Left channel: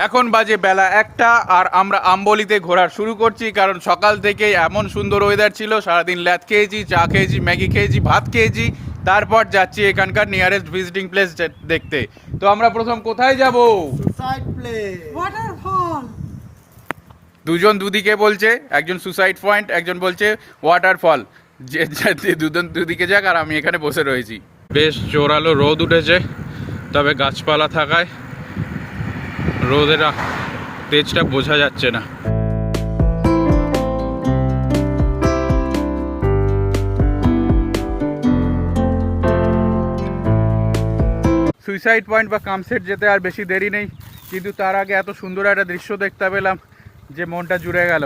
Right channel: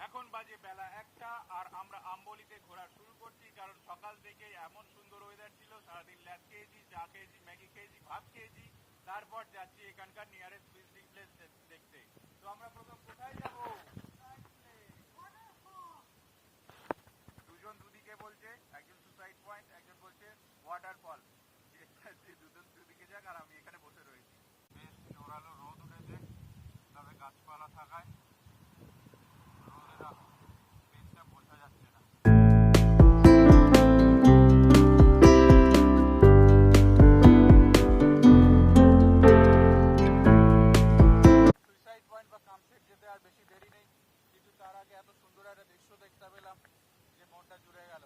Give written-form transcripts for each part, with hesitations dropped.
এখন বাজে বেলা 1টা আর আমরা আম্বলিতে ঘোরা শুরু করছি, কারণ সকাল থেকে এমন সুন্দর ওয়েদার ছিল, সারাদিন ল্যাদ খেয়েছি, চা খেয়েছি, ম্যাগি খেয়েছি, ভাত খেয়েছি, তারপর যাচ্ছি এখানকার নিয়ারেস্ট ভিজিটিং প্লেস দেখতে। তো আমরা প্রথম কোথায় যাব? Suicide place, waterfall. দুজন দুদিকে বলছে, একজন সুসাইড পয়েন্ট, একজন বলছে ওয়াটারফল। যে দুজন দুদিকে যাক, আর আমি এখানে বসে রয়েছি। বেশ জোরালো রোদ উঠেছে, তবে গাছপালা থাকায় রোদের তেজটা বোঝা যাচ্ছে না। সুইসাইড পয়েন্ট বা কামসেট যেতে আর বেশি দেরি নেই, কিন্তু তার আগে এত সুন্দর একটা দৃশ্য দেখতে পেলাম যে মনটা জুড়ে গেল।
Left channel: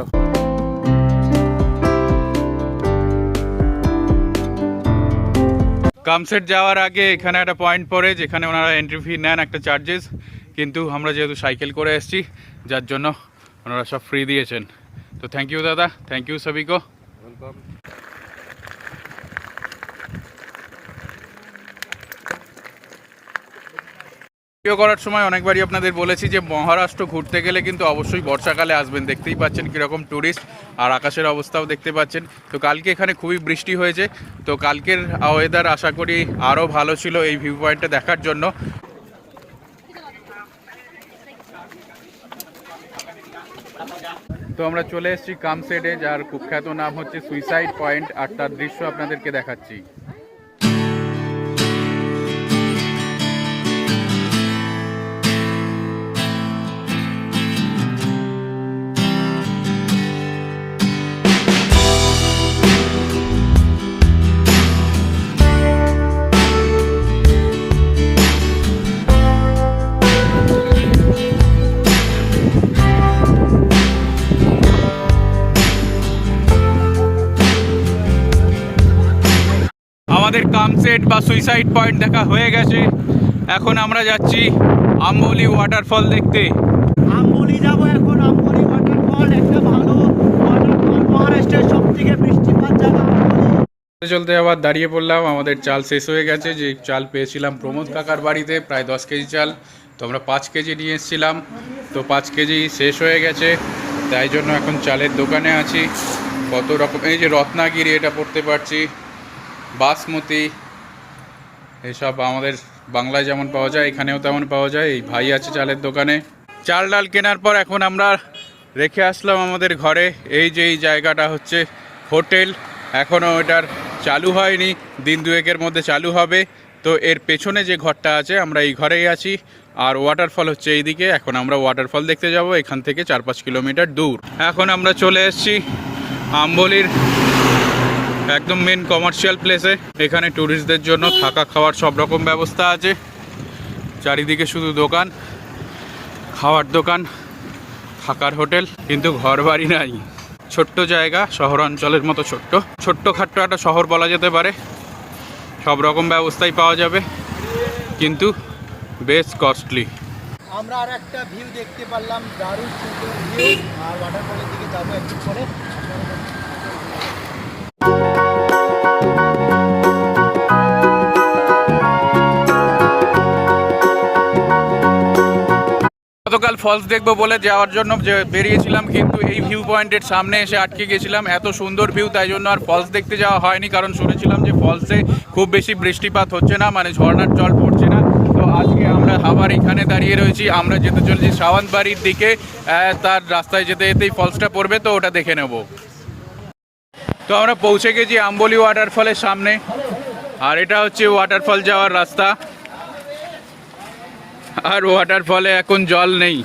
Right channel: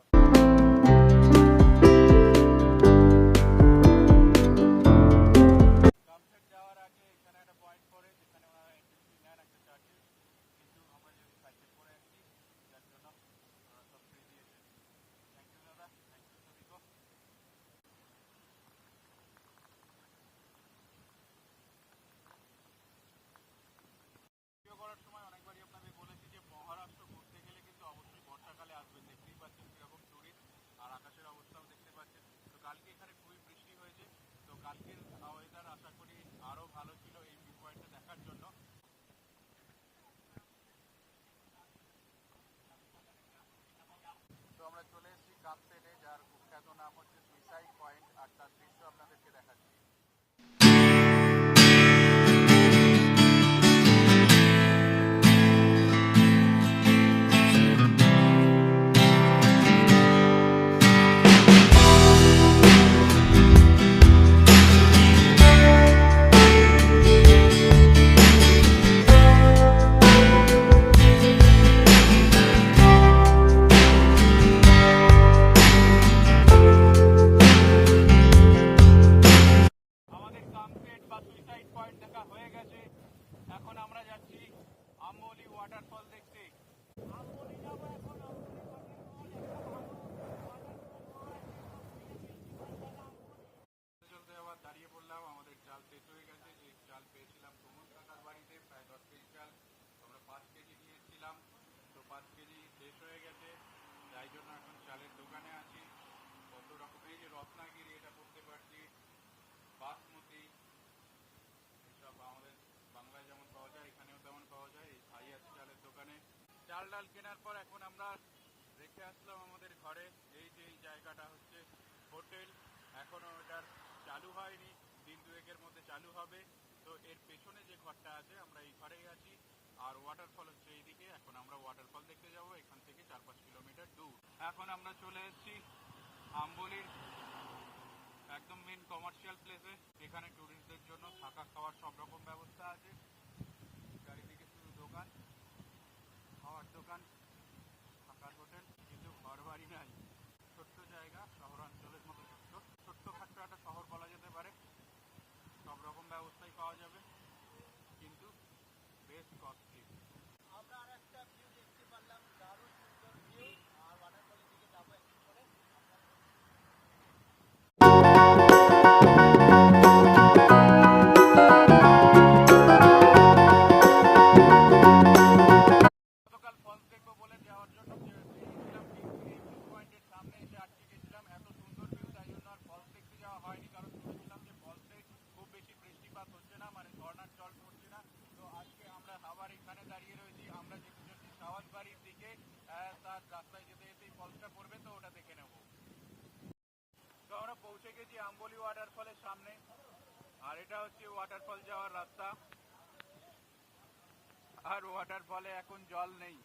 কামসেট যাওয়ার আগে এখানে একটা পয়েন্ট পড়ে, যেখানে ওনারা এন্ট্রি ফি নেন একটা চার্জেস, কিন্তু আমরা যেহেতু সাইকেল করে এসেছি যার জন্য ওনারা সব ফ্রি দিয়েছেন। তো থ্যাংক ইউ দাদা, থ্যাংক ইউ সবিকো। ওয়েলকাম। ভিডিও করার সময় অনেকবারই আপনাদের বলেছি যে মহারাষ্ট্র ঘুরতে গেলে কিন্তু অবশ্যই বর্ষাকালে আসবেন। দেখতেই পাচ্ছেন কীরকম ট্যুরিস্ট, আর আকাশের অবস্থাও দেখতে পাচ্ছেন। তো কালকে এখানে খুবই বৃষ্টি হয়েছে, তো কালকের ওয়েদার আশা করি আরও ভালো ছিল এই ভিউ পয়েন্টটা দেখার জন্য। তো আমরা চলে এসেছি কামসেটে, যার কুখ্যাত নাম হচ্ছে সুইসাইড পয়েন্ট, আর তার দৃশ্য আপনাদেরকে দেখাচ্ছি। আমাদের কামসেট বা সুইসাইড পয়েন্ট দেখা হয়ে গেছে, এখন আমরা যাচ্ছি আম্বলি ওয়াটারফল দেখতে। আম্বলি যাব এখন। আম্বলি ওয়াটারফল একটা ভালো ওয়াটারফল, মহারাষ্ট্রের সবথেকে বৃষ্টিপাত জায়গা আম্বলি। চলতে আবার দাঁড়িয়ে পড়লাম, আমাদের চাল শেষ হয়ে গেছে। যে চাল পেয়েছিলাম প্রমোদ কাকার বাড়িতে, প্রায় 10 কেজি চাল, তো আমরা 5 কেজি নিয়ে এসেছিলাম, তো 5 কেজি শেষ হয়ে গেছে, তাই জন্য এখন চালের দোকানে আছি। কত রকম, এই যে রত্নাগিরি এটা পড়তে পারছি, বাসমতি, এসব আমাদের বাংলায় যেমন পাওয়া যায় এখানেও তেমন পাওয়া যায়। এই ভাই আছে চালের দোকানে। চাল ডাল কেনার পর এখন আমরা রেখে আসলাম আমাদের ঘরে। এই যে এই জায়গাটা হচ্ছে হোটেল, এখনও এটার চালু হয়নি, দিন দুয়েকের মধ্যে চালু হবে। তো এর পেছনে যে ঘরটা আছে আমরা এই ঘরেই আছি, আর ওয়াটারফল হচ্ছে এইদিকে। এখন আমরা ওয়াটারফল দেখতে যাব, এখান থেকে 4-5 কিলোমিটার দূর। এখন আমরা চলে এসেছি আম্বলির একদম মেন কমার্শিয়াল প্লেসে। এখানে ট্যুরিস্টদের জন্য থাকা খাওয়ার সব রকম ব্যবস্থা আছে, চারিদিকে শুধু দোকান, খাওয়ার দোকান, থাকার হোটেল, কিন্তু ঘর বাড়ি নাই। ছোট্ট জায়গা, শহরাঞ্চলের মতো ছোট্ট খাট্ট একটা শহর বলা যেতে পারে। সব রকম ব্যবস্থাই পাওয়া যাবে, কিন্তু বেশ কস্টলি। আমরা আর একটা ভিউ দেখতে পারলাম, দারুণ সুন্দর ভিউ। আর ওয়াটারফলের দিকে যাবো একটু পরে। গতকাল ফলস দেখবো বলে যাওয়ার জন্য যে বেরিয়েছিলাম, কিন্তু এই ভিউ পয়েন্টের সামনে এসে আটকে গেছিলাম। এত সুন্দর ভিউ, তাই জন্য আর ফলস দেখতে যাওয়া হয়নি, কারণ শুনেছিলাম যে ফলসে খুব বেশি বৃষ্টিপাত হচ্ছে না, মানে ঝর্ণার জল পড়ছে না। তো আজকে আমরা আবার এখানে দাঁড়িয়ে রয়েছি, আমরা যেতে চলেছি সাওয়ান্তবাড়ির দিকে। তার রাস্তায় যেতে যেতেই ফলসটা পড়বে, তো ওটা দেখে নেব। তো আমরা পৌঁছে গেছি আম্বলি ওয়াটারফলের সামনে, আর এটা হচ্ছে ওয়াটারফল যাওয়ার রাস্তা। আর ওয়াটারফলে এখন জল নেই।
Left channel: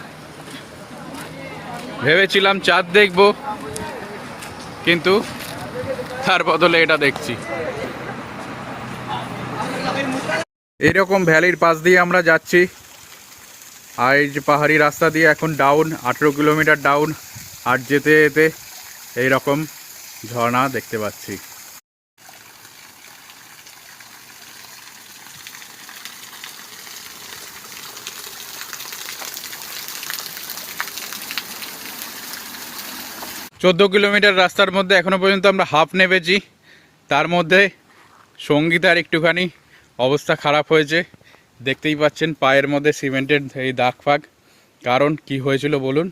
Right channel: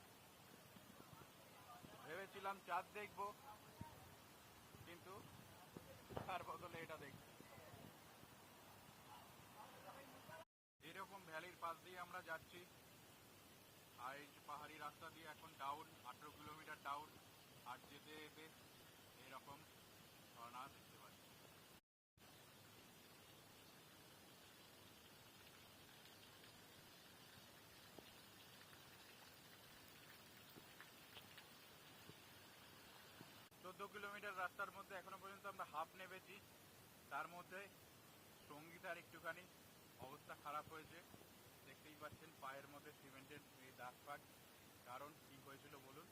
ভেবেছিলাম চাঁদ দেখব, কিন্তু তার বদলে এটা দেখছি। এরকম ভ্যালির পাশ দিয়ে আমরা যাচ্ছি, আর এই যে পাহাড়ি রাস্তা দিয়ে এখন ডাউন 18 কিলোমিটার ডাউন, আর যেতে যেতে এইরকম ঝর্ণা দেখতে পাচ্ছি। 14 কিলোমিটার রাস্তার মধ্যে এখনো পর্যন্ত আমরা হাফ নেমেছি। তার মধ্যে সঙ্গীতার একটুখানি অবস্থা খারাপ হয়েছে, দেখতেই পাচ্ছেন পায়ের মধ্যে সিমেন্টের এই দাগ ফাগ। কারণ কি হয়েছিল বলুন।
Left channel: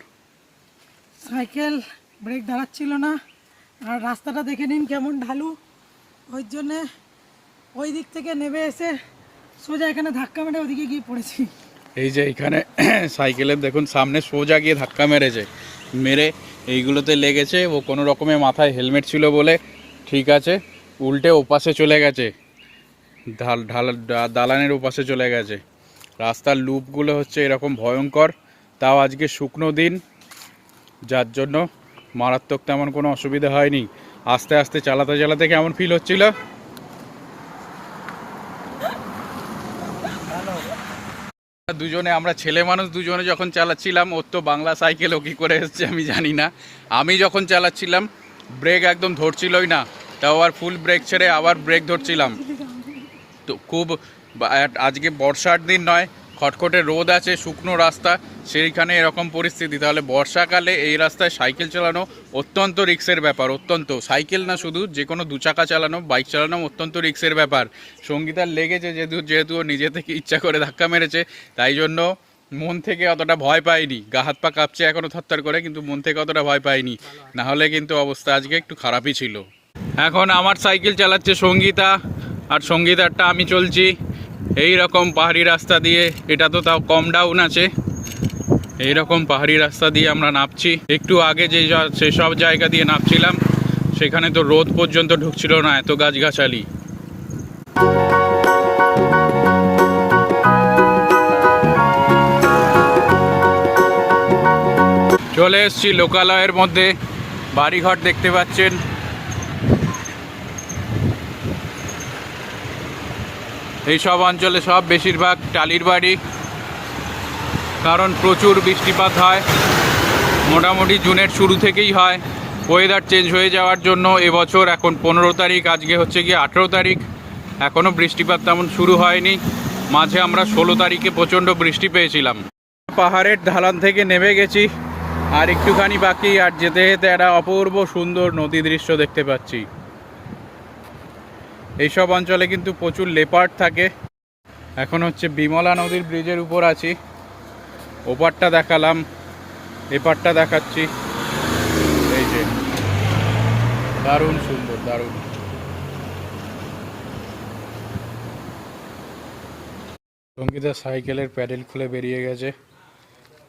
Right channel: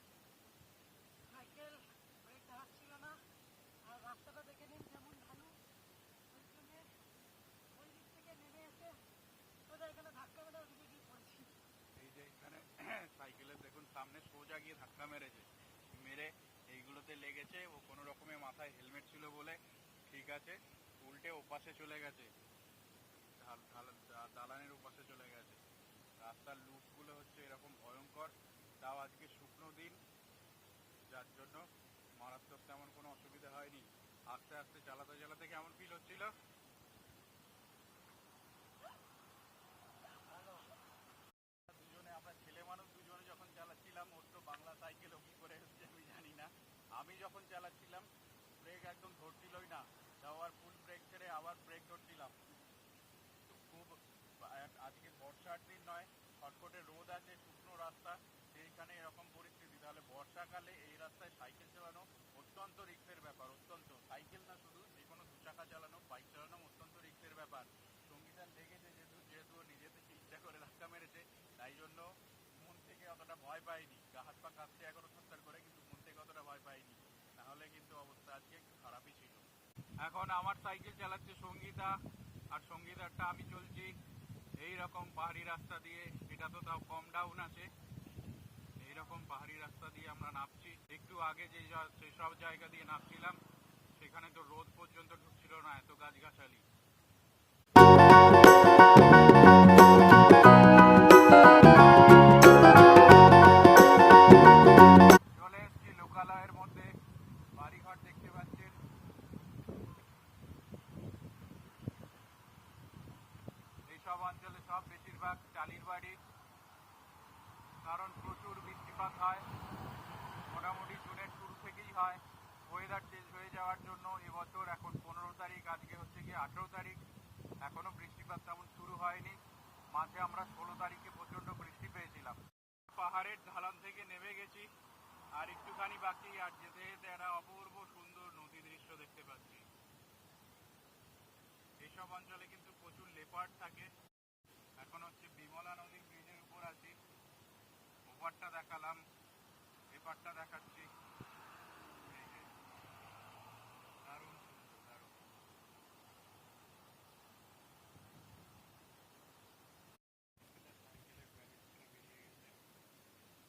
সাইকেল ব্রেক দাঁড়াচ্ছিল না, আর রাস্তাটা দেখে নিন কেমন ঢালু, ওই জন্যে ওই দিক থেকে নেমে এসে সোজা এখানে ধাক্কা মেরে ওদিকে গিয়ে পড়েছি। এই যে এখানে সাইকেলের দেখুন সামনে সোজা গিয়ে ধাক্কা মেরেছে, মেরে এইগুলোতে লেগেছে। ও কোনো রকমে মাথায় হেলমেট ছিল বলে ঠিক আছে, উল্টে ওপাশে চলে গেছে, দালানের ওপাশে চলে গেছে। রাস্তার লুপগুলো হচ্ছে এরকম ভয়ঙ্কর, তাও আজকে শুকনো দিন, যার জন্য মারাত্মক তেমন কোনো অসুবিধা হয়নি। আস্তে আস্তে চালাতে চালাতে কেমন ফিল হচ্ছিল? দুজনে আমরা ছেলে মানুষ দুজনে যখন চালাচ্ছিলাম, ওর তো বাংলা সাইকেল, ও কী করে এসছে আমি জানি না। আমি যখন চালাচ্ছিলাম ব্রেক একদম ধরছিলই না, তাও আবার ফুল ব্রেক ছেড়ে আবার ব্রেক ধরছিলাম। তো খুব আজকে বর্ষার দিন নয়, খটখটে রোদ আছে, শুকনো রাস্তা, সেইখানে এরকম পরিস্থিতি। তাহলে বর্ষাকালে এই রাস্তায় সাইকেল চালানো অত্যন্ত রিস্কের ব্যাপার, অত্যন্ত। সাইকেল না শুধু, যে কোনো দু চাকা চালানো, বাইক চালানো অত্যন্ত রিস্কের ব্যাপার। সঙ্গীতার লেগেছে যেহেতু ও নিজে থেকে ইচ্ছা করে ধাক্কা মেরেছে, তাই জন্য মন থেকে অতটা ভয় পাইনি। গা হাত পা কাঁপছে এখনও থরথর করে, কিন্তু মন থেকে অতটা ভয় পাইনি, না হলে কিন্তু অবস্থা আজকে একটু খারাপই ছিল। এখন আমার সাইকেল চালাচ্ছে সঙ্গীতা, আর সঙ্গীতারটা আমি চলছি এই রকম পাহাড়ি রাস্তা দিয়ে। এটা তো তাও কম ডাউন আছে, এই রকম পাহাড়ি রাস্তা দিয়ে আমরা নামছি। একটু আগে সেসব জায়গা দিয়ে নামছিলাম, সেখানে তো রোদ পর্যন্ত ঢুকছিল না, এত গাছগাছালি। চলে এসছি লোকালয়ের মধ্যে, বাড়িঘর দেখতে পাচ্ছেন। এইসব অঞ্চলে সব বেশিরভাগ টালির বাড়ি, কারণ প্রচুর বৃষ্টিপাত হয়, মোটামুটি জুনের শুরু থেকেই হয়। ওয়েদার চেঞ্জ হয়ে যাওয়ার জন্য এবছর এখন 15 তারিখ, আজকে হচ্ছে গিয়ে 18 তারিখ, এখনও বৃষ্টিপাত তেমন শুরু হয়নি। মাঝে আমরা 16 তারিখে প্রচণ্ড বৃষ্টি পেয়েছিলাম। পাহাড়ের ঢালান থেকে নেমে গেছি, আর একটুখানি বাকি, আর যেতে যেতে একটা অপূর্ব সুন্দর নদী দৃশ্য দেখতে পাচ্ছি। এইসব অঞ্চলে কিন্তু প্রচুর লেপার্ড থাকে। এখন হচ্ছে বিমলা নদীর ব্রিজের উপর আছি, ওপারটা দেখালাম, এপারটা দেখাচ্ছি। এই যে দারুণ সুন্দর, দারুণ। সঙ্গীতা সাইকেলের প্যাডেল খুলে বেরিয়ে গেছে,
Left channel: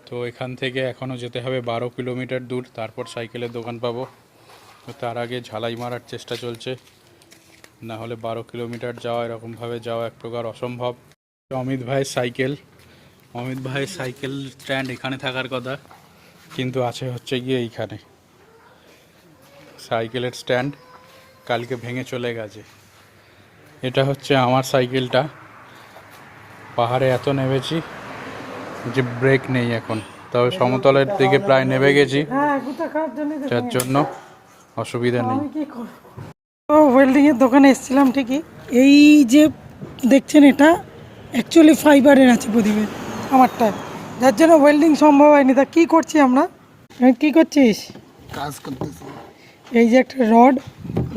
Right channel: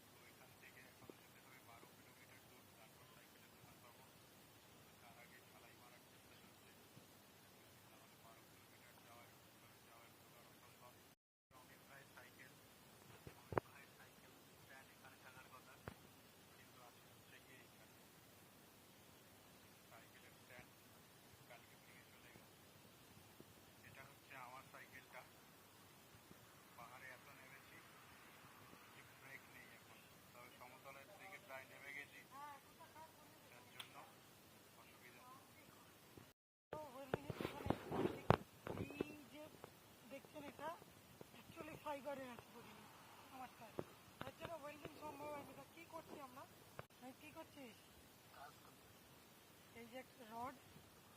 তো এখান থেকে এখনও যেতে হবে 12 কিলোমিটার দূর, তারপর সাইকেলের দোকান পাবো। তো তার আগে ঝালাই মারার চেষ্টা চলছে, না হলে 12 কিলোমিটার যাওয়া, এরকমভাবে যাওয়া এক প্রকার অসম্ভব। অমিত ভাইয়ের সাইকেল, অমিত ভাইয়ের সাইকেল স্ট্যান্ড এখানে থাকার কথা, কিন্তু আছে হচ্ছে গিয়ে এইখানে। সাইকেলের স্ট্যান্ড কালকে ভেঙে চলে গেছে। এটা হচ্ছে আমার সাইকেলটা। পাহাড়ে এত নেমেছি যে ব্রেক নেই এখন, তবে সমতলের দিকে প্রায় নেমে গেছি, যার জন্য অসুবিধা নেই। ওয়েল্ডিংয়ের দোকানে এসেছিলাম ঠিকই, এই যে দেখছেন এটা অ্যাকচুয়ালি ফাইবারের আছে প্রদীপের আমারটা, যার জন্য ওয়েল্ডিং সম্ভব হয়নি। তা কী করছি আমরা? কী করছিস? কাজ করতেছি। এই যে একটা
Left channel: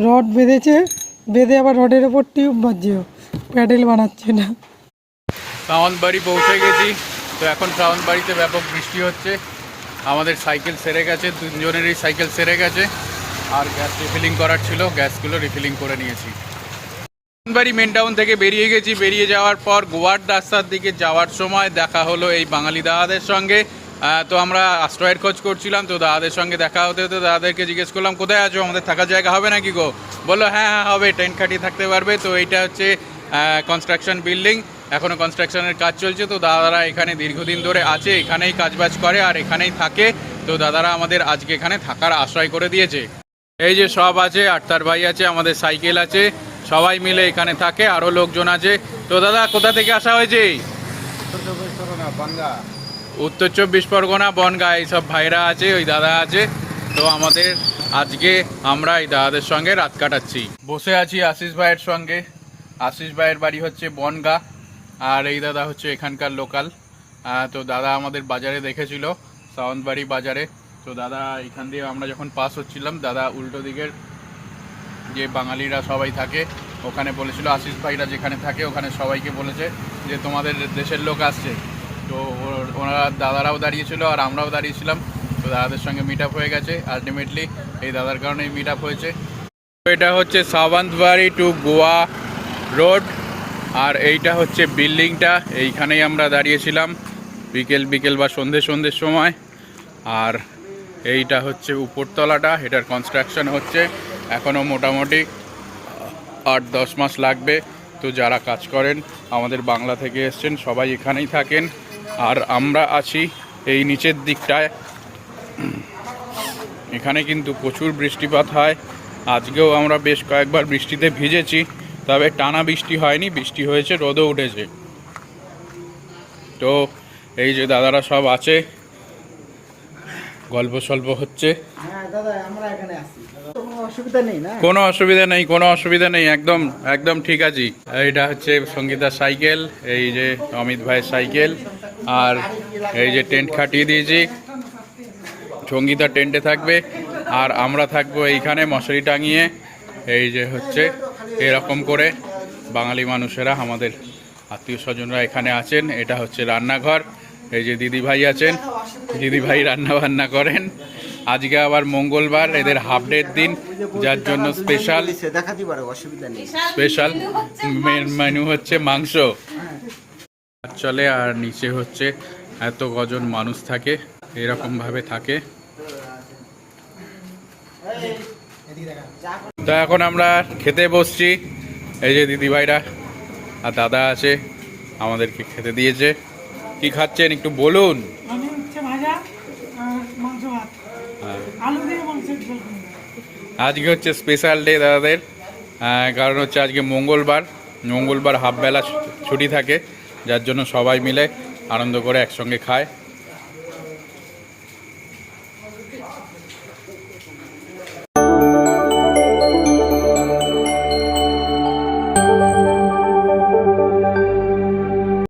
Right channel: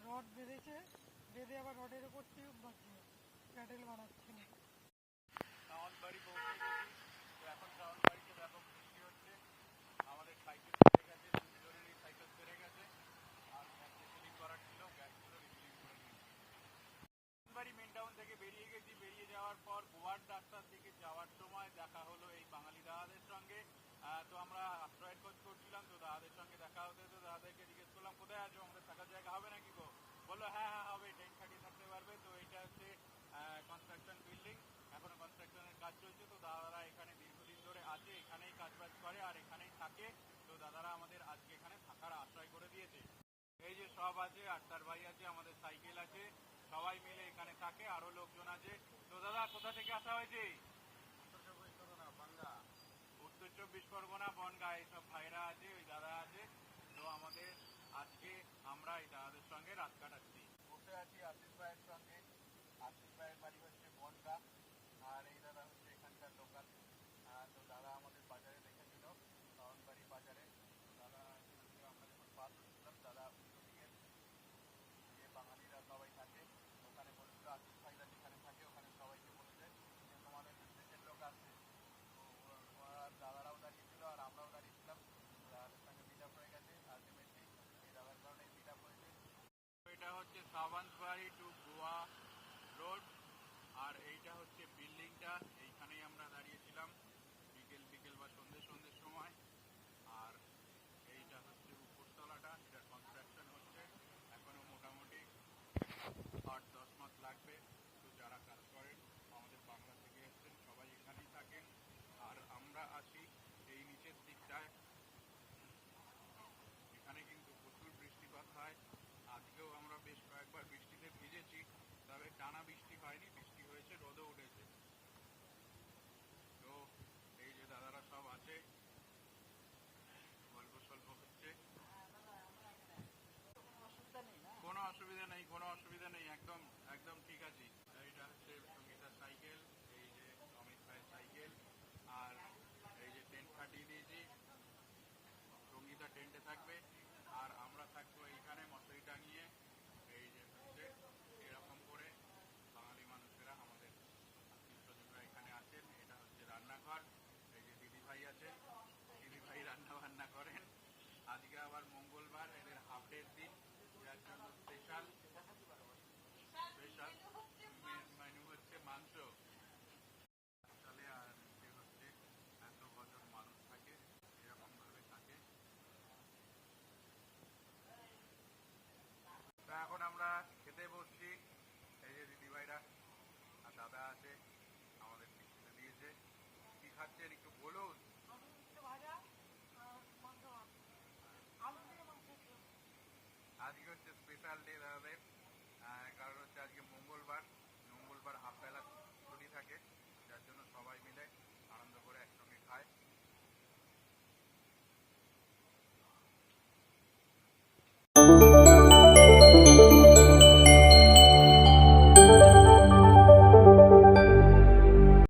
রড বেঁধেছে, বেঁধে আবার রডের ওপর টিউব বাজছে, প্যাডেল বানাচ্ছে না। সাওয়ানবাড়ি পৌঁছে গেছি, তো এখন সাওয়ানবাড়িতে ব্যাপক বৃষ্টি হচ্ছে। আমাদের সাইকেল সেরে গেছে, দুজনেরই সাইকেল সেরে গেছে, আর গ্যাস রিফিলিং করার ছিল, গ্যাসগুলো রিফিলিং করে নিয়েছি। সাওয়ানবাড়ি মেন টাউন থেকে বেরিয়ে গেছি। বেরিয়ে যাওয়ার পর গোয়ার রাস্তার দিকে যাওয়ার সময় দেখা হলো এই বাঙালি দাদাদের সঙ্গে। তো আমরা আশ্রয়ের খোঁজ করছিলাম, তো দাদাদের সঙ্গে দেখা হতে হতে দাদাদেরকে জিজ্ঞেস করলাম কোথায় আছো, আমাদের থাকার জায়গা হবে নাকি গো? বললো হ্যাঁ হ্যাঁ হবে, টেন্ট খাটিয়ে থাকতে পারবে। তো এইটা হচ্ছে কনস্ট্রাকশন বিল্ডিং, এখনও কনস্ট্রাকশনের কাজ চলছে। তো দাদারা এখানে দীর্ঘদিন ধরে আছে, এখানেই কাজবাজ করে আর এখানেই থাকে। তো দাদারা আমাদের আজকে এখানে থাকার আশ্রয় করে দিয়েছে। এই যে সব আছে, আটতার ভাই আছে, আমাদের সাইকেল আছে, সবাই মিলে এখানে থাকে, আরও লোকজন আছে। তো দাদা কোথা থেকে আসা হয়েছে? উত্তর 24 পরগনা, বনগাঁ, এইসব ভাইরা আছে, ওই দাদা আছে। তো আমাদের আজকে আমরা এই দাদাদের সঙ্গে রাত কাটাচ্ছি। বসে আছি আশিস ভাইয়ের সঙ্গে। আশিস ভাইয়ের বাড়ি হচ্ছে বনগাঁ, আর এই দাদা হচ্ছে এখানকার লোকাল। তো দাদা আমাদের বাজারে দেখেছিল, সাওয়ানবাড়ি বাজারে। তো দাদা এখান দিয়ে আমরা যখন পাস হচ্ছিলাম, দাদা উল্টো দিকের যে বাঙালিরা সবাই থাকে ওখানে বলেছিল, আশিস ভাইরা যেখানে থাকে ওখানে সবাইকে বলেছে যে তোমাদের দেশের লোক আসছে। তো তো ওনারা দাদারাও দাঁড়িয়েছিল আর আমরাও দাঁড়িয়েছিলাম। তো দাদাদের সঙ্গে মিট আপ হয়ে গেছে আলটিমেটলি, এই দাদার কারণেই মিট আপ হয়েছে। এটা হচ্ছে সাওয়ান্তবাড়ি টু গোয়া রোড, আর এইটা হচ্ছে বিল্ডিংটা, এইখানেই আমরা দাঁড়িয়েছিলাম বিকেল বা সন্ধ্যের সময়। আর এইটা হচ্ছে উপরতলাটা, এটার কনস্ট্রাকশন হচ্ছে, এখনও মোটামুটি 8-10 মাস লাগবে। তো যারা কাজ করেন আমাদের বাংলা থেকে এসছেন সবাই এখানেই থাকেন, আর আমরা আছি এই নিচের দিকটায়। এখানে কিন্তু প্রচুর বৃষ্টিপাত হয়, আজকেও আমরা বেশ কয়েকবার বৃষ্টিতে ভিজেছি, তবে টানা বৃষ্টি হয়নি, বৃষ্টি হয়েছে, রোদও উঠেছে। তো এই যে দাদারা সব আছে, গল্প সল্প হচ্ছে। হ্যাঁ দাদা, আমরা এখানে আছি, কোনো অসুবিধা নেই না? কোনো অসুবিধা নেই, একদম ঠিক আছি। এইটা হচ্ছে সঙ্গীতার সাইকেল, এই যে অমিত ভাইয়ের সাইকেল, আর এই যে টেন্ট খাটিয়ে দিয়েছি, সঙ্গীতা টেন্টে থাকবে আর আমরা থাকবো এইখানে মশারি টাঙিয়ে। এই যে হচ্ছে এরকম করে বাঙালি মানুষেরা, আমাদের আত্মীয় স্বজনরা এখানে আছেন। এটা হচ্ছে রান্নাঘর, এই যে দিদিভাই আছেন, দিদিভাই রান্না বান্না করেন। আজকে আবার মঙ্গলবার, এদের হাফ ডের দিন, যার জন্য স্পেশাল মেনু হচ্ছে মাংস চলে। আর নিচে হচ্ছে এত কজন মানুষ থাকে, এরকমভাবে থাকে। তো এখন আমরা খেতে বসছি, এই যে দিদিভাইরা আর দাদা আছে, আমাদেরকে খেতে দিয়েছে। কি খাচ্ছেন একটু বলুন? আমি হচ্ছে ভাজা আর মাংস ভাত, আলু দিয়ে মাংসের ঝোল। আজকে হচ্ছে স্পেশাল ডে দাদাদের, কারণ হচ্ছে আজকে মঙ্গলবার হাফবেলা ছুটি থাকে, যার জন্য সবাই মিলে আনন্দ করে একসঙ্গে খায়। Thank you.